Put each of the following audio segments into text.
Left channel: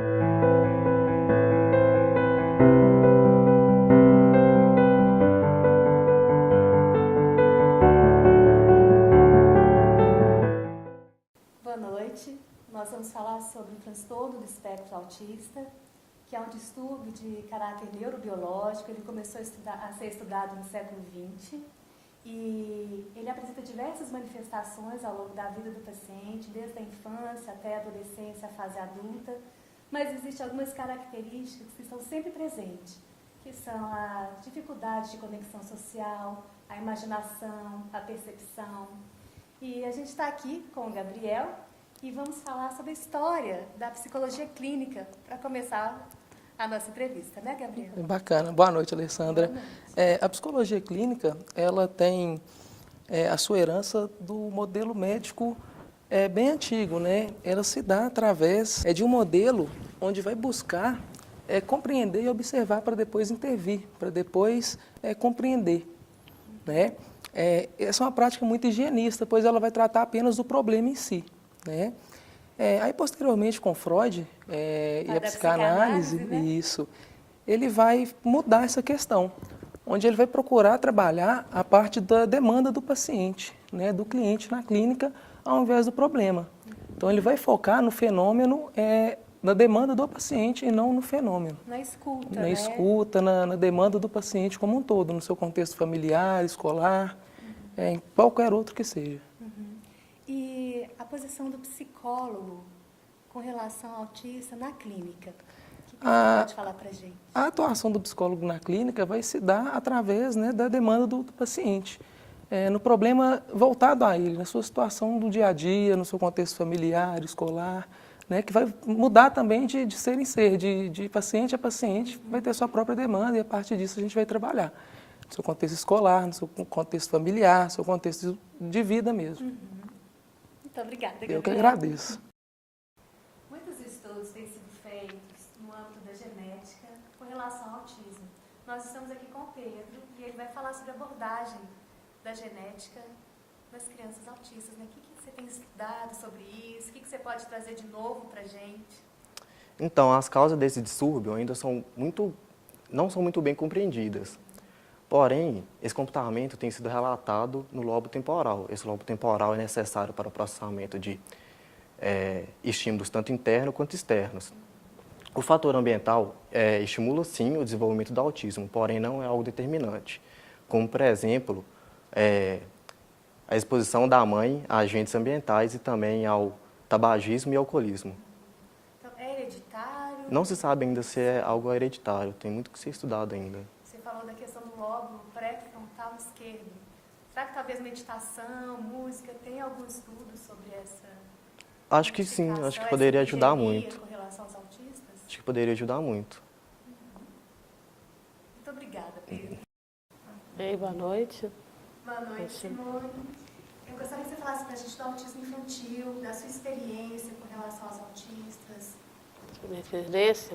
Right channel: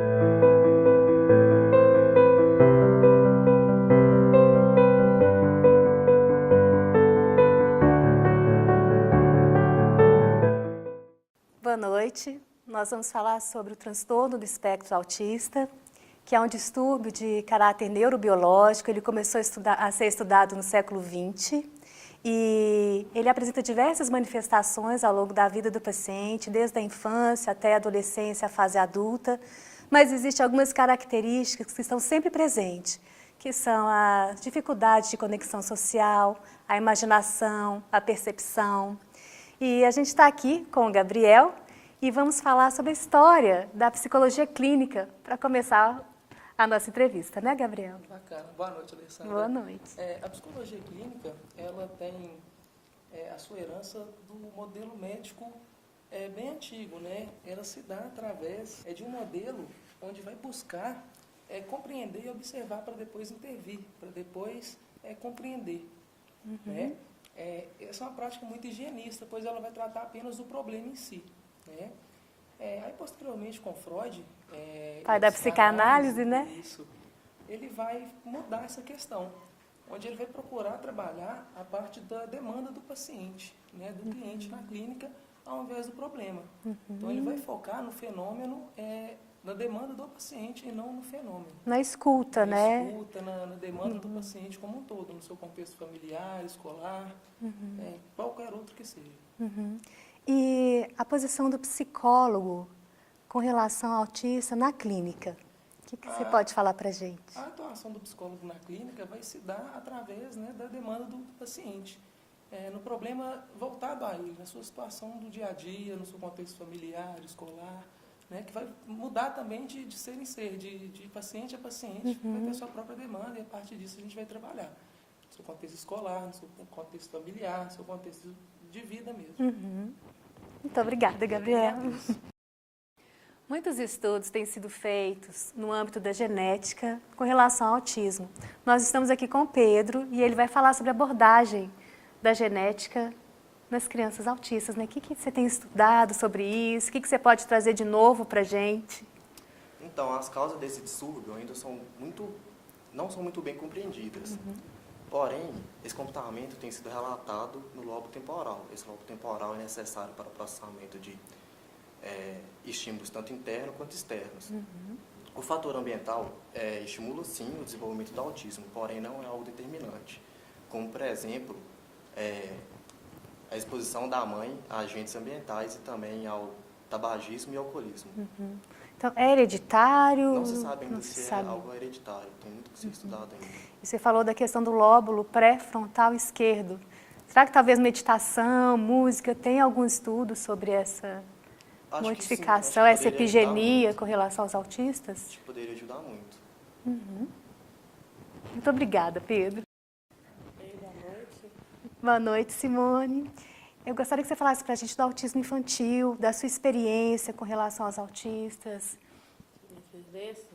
Boa noite. Nós vamos falar sobre o transtorno do espectro autista, que é um distúrbio de caráter neurobiológico. Ele começou a ser estudado no século XX e ele apresenta diversas manifestações ao longo da vida do paciente, desde a infância até a adolescência, a fase adulta, mas existem algumas características que estão sempre presentes, que são a dificuldade de conexão social, a imaginação, a percepção. E a gente está aqui com o Gabriel e vamos falar sobre a história da psicologia clínica para começar a nossa entrevista, né, Gabriel? Bacana. Boa noite, Alessandra. Boa noite. A psicologia clínica, ela tem a sua herança do modelo médico bem antigo, né? Ela se dá através de um modelo onde vai buscar compreender e observar para depois intervir, para depois compreender, né? Essa é uma prática muito higienista, pois ela vai tratar apenas do problema em si, né? Aí, posteriormente, com Freud e a da psicanálise, psicanálise, né? isso, ele vai mudar essa questão, onde ele vai procurar trabalhar a parte da demanda do paciente, né, do cliente na clínica, ao invés do problema. Então, ele vai focar no fenômeno, na demanda do paciente e não no fenômeno. Na escuta, Na né? escuta, na demanda do paciente como um todo, no seu contexto familiar, escolar, em qualquer outro que seja. E a posição do psicólogo com relação ao autista na clínica? O que você pode falar para a gente? A atuação do psicólogo na clínica vai se dar através, né, da demanda do paciente, no problema voltado a ele, na sua situação do dia a dia, no seu contexto familiar, escolar, né, que vai mudar também de ser em ser, de paciente a paciente, vai ter sua própria demanda e a partir disso a gente vai trabalhar. No seu contexto escolar, no seu contexto familiar, no seu contexto de vida mesmo. Muito obrigada, Gabriel. Eu que agradeço. Muitos estudos têm sido feitos no âmbito da genética com relação ao autismo. Nós estamos aqui com o Pedro e ele vai falar sobre a abordagem da genética nas crianças autistas, né? O que você tem estudado sobre isso? O que você pode trazer de novo para a gente? Então, as causas desse distúrbio ainda não são muito bem compreendidas. Porém, esse comportamento tem sido relatado no lobo temporal. Esse lobo temporal é necessário para o processamento de estímulos tanto internos quanto externos. O fator ambiental estimula, sim, o desenvolvimento do autismo, porém não é algo determinante. Como, por exemplo, a exposição da mãe a agentes ambientais e também ao tabagismo e alcoolismo. Então, é hereditário? Não se sabe ainda se é algo hereditário, tem muito que ser estudado ainda. E você falou da questão do lóbulo pré-frontal esquerdo. Será que talvez meditação, música, tem algum estudo sobre essa Acho que sim, acho que essa poderia ajudar epigenia muito. com relação aos autistas? Acho que poderia ajudar muito. Muito obrigada, Pedro. Ei, boa noite. Boa noite, Simone. Eu gostaria que você falasse para a gente do autismo infantil, da sua experiência com relação aos autistas. Minha experiência,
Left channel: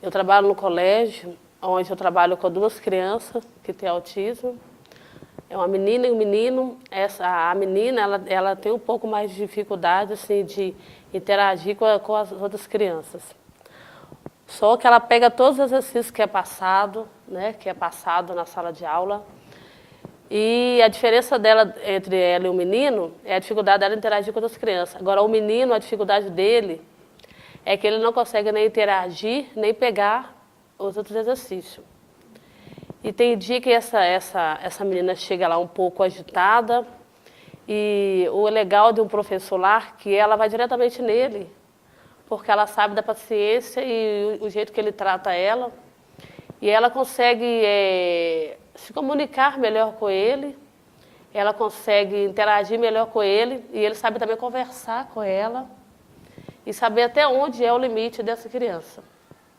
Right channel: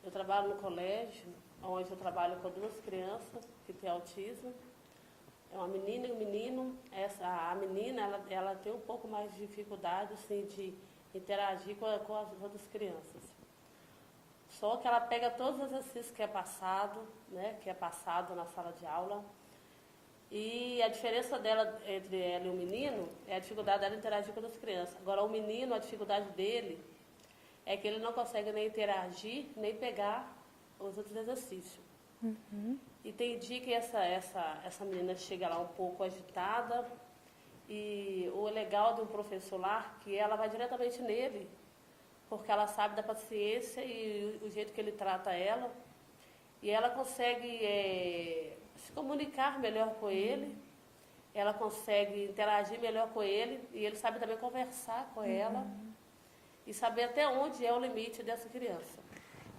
eu trabalho no colégio, onde eu trabalho com duas crianças que têm autismo. É uma menina e um menino. A menina, ela tem um pouco mais de dificuldade assim, de interagir com as outras crianças. Só que ela pega todos os exercícios que é passado, né, que é passado na sala de aula. E a diferença dela entre ela e o menino é a dificuldade dela interagir com outras crianças. Agora, o menino, a dificuldade dele é que ele não consegue nem interagir, nem pegar os outros exercícios. E tem dia que essa menina chega lá um pouco agitada, e o legal de um professor lá é que ela vai diretamente nele, porque ela sabe da paciência e o jeito que ele trata ela, e ela consegue se comunicar melhor com ele, ela consegue interagir melhor com ele, e ele sabe também conversar com ela, e saber até onde é o limite dessa criança.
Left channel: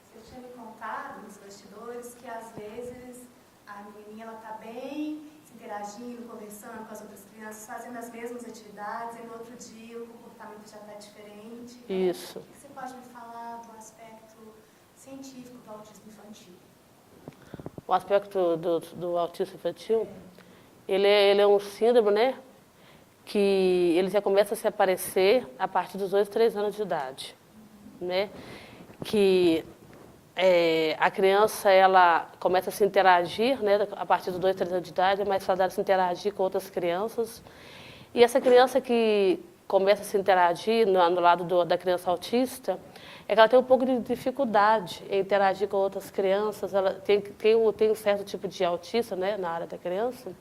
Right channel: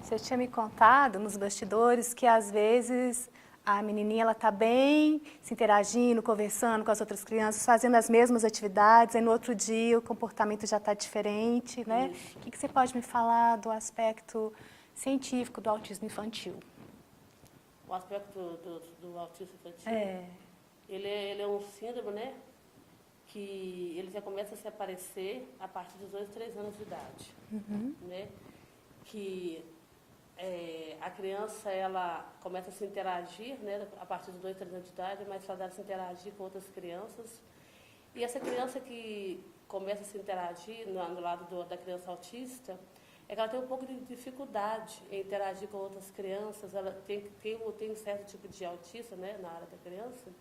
Você tinha me contado nos bastidores que, às vezes, a menininha está bem, se interagindo, conversando com as outras crianças, fazendo as mesmas atividades, aí no outro dia o comportamento já está diferente, né? Isso. O que você pode me falar do aspecto científico do autismo infantil? O aspecto do autismo infantil, ele é um síndrome, né? Que ele já começa a se aparecer a partir dos 2, 3 anos de idade, né? que a criança ela começa a se interagir, né, a partir dos 2, 3 anos de idade, é mais fácil ela se interagir com outras crianças. E essa criança que começa a se interagir no lado da criança autista, é que ela tem um pouco de dificuldade em interagir com outras crianças. Ela tem um certo tipo de autista, né, na área da criança,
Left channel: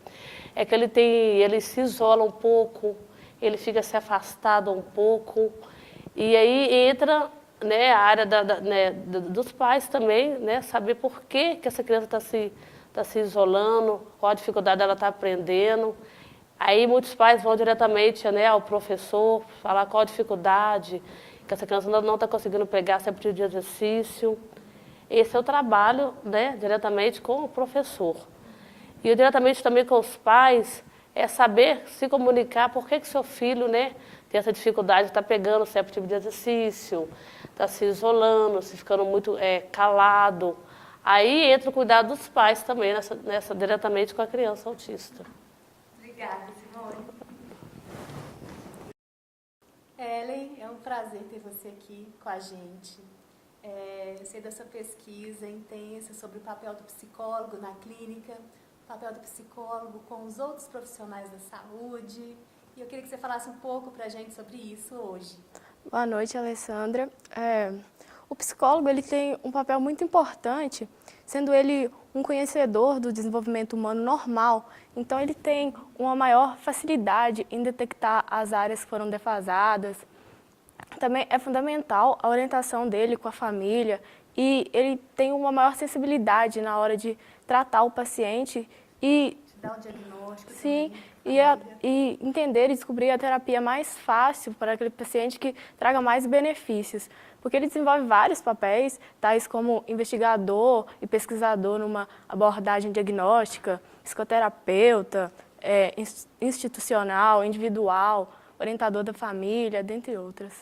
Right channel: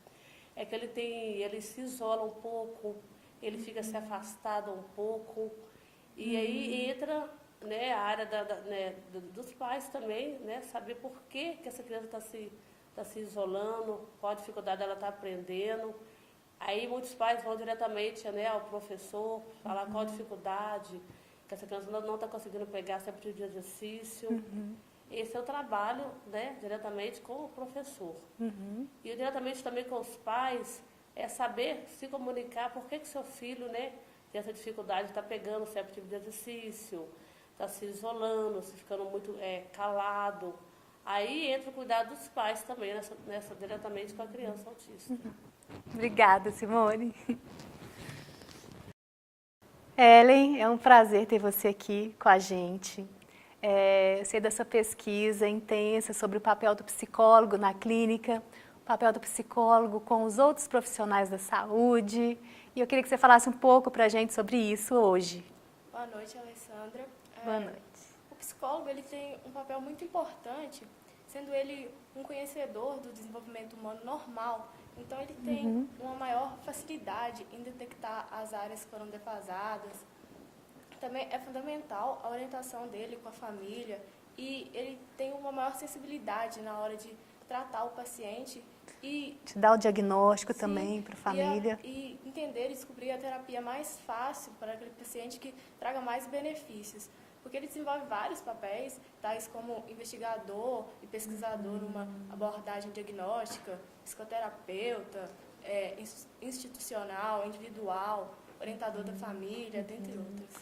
é que ele se isola um pouco, ele fica se afastado um pouco, e aí entra, né, a área dos pais também, né, saber por que essa criança está se isolando, qual a dificuldade ela está aprendendo. Aí muitos pais vão diretamente, né, ao professor, falar qual a dificuldade, que essa criança não está conseguindo pegar sempre de exercício. Esse é o trabalho, né, diretamente com o professor. E eu diretamente também com os pais, é saber se comunicar por que seu filho, né, tem essa dificuldade de estar pegando certo tipo de exercício, está se isolando, se ficando muito calado. Aí entra o cuidado dos pais também, diretamente com a criança autista. Obrigada, Simone. Ellen, é um prazer ter você aqui com a gente. Eu sei dessa pesquisa intensa sobre o papel do psicólogo na clínica, o papel do psicólogo com os outros profissionais da saúde. E eu queria que você falasse um pouco para a gente sobre isso hoje. Boa noite, Alessandra. O psicólogo ele tem um papel muito importante, sendo ele um conhecedor do desenvolvimento humano normal. Então, ele tem uma maior facilidade em detectar as áreas que foram defasadas. Também é fundamental a orientação dele com a família e ele tem uma maior sensibilidade na hora de tratar o paciente e te dar o diagnóstico também para a família. E entender e descobrir a terapia mais fácil para aquele paciente que traga mais benefícios. Porque ele desenvolve vários papéis, tais como investigador e pesquisador numa abordagem diagnóstica, psicoterapeuta, institucional, individual, orientador da família, dentre outras.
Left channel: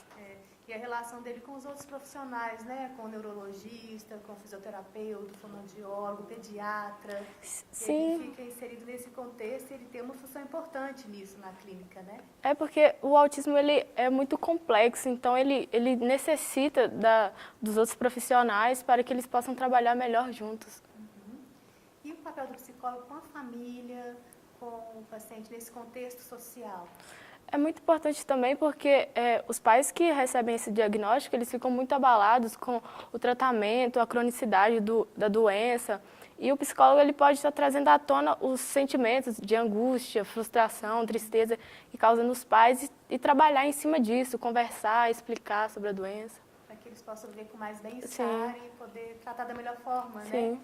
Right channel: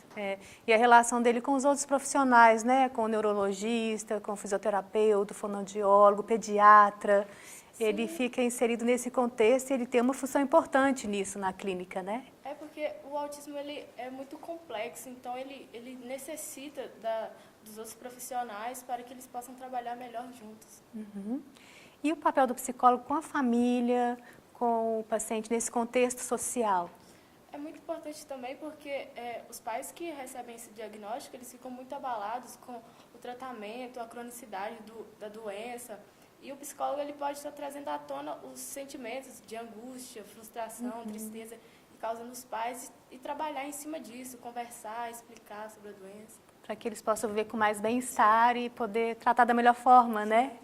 E a relação dele com os outros profissionais, né? Com o neurologista, com o fisioterapeuta, o fonoaudiólogo, o pediatra. Sim. Ele fica inserido nesse contexto e ele tem uma função importante nisso na clínica, né? É porque o autismo ele é muito complexo, então ele necessita dos outros profissionais para que eles possam trabalhar melhor juntos. E o papel do psicólogo com a família, com o paciente nesse contexto social? É muito importante também porque os pais que recebem esse diagnóstico, eles ficam muito abalados com o tratamento, a cronicidade da doença. E o psicólogo ele pode estar trazendo à tona os sentimentos de angústia, frustração, tristeza que causa nos pais e trabalhar em cima disso, conversar, explicar sobre a doença. Para que eles possam ver com mais bem-estar e poder tratar da melhor forma, né?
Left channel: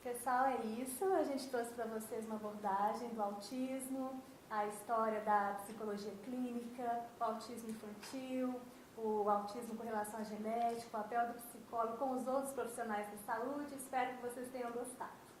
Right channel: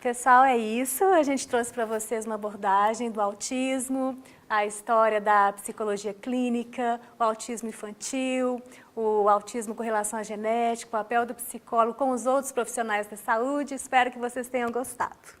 Pessoal, é isso. A gente trouxe para vocês uma abordagem do autismo, a história da psicologia clínica, o autismo infantil, o autismo com relação à genética, o papel do psicólogo com os outros profissionais da saúde. Espero que vocês tenham gostado.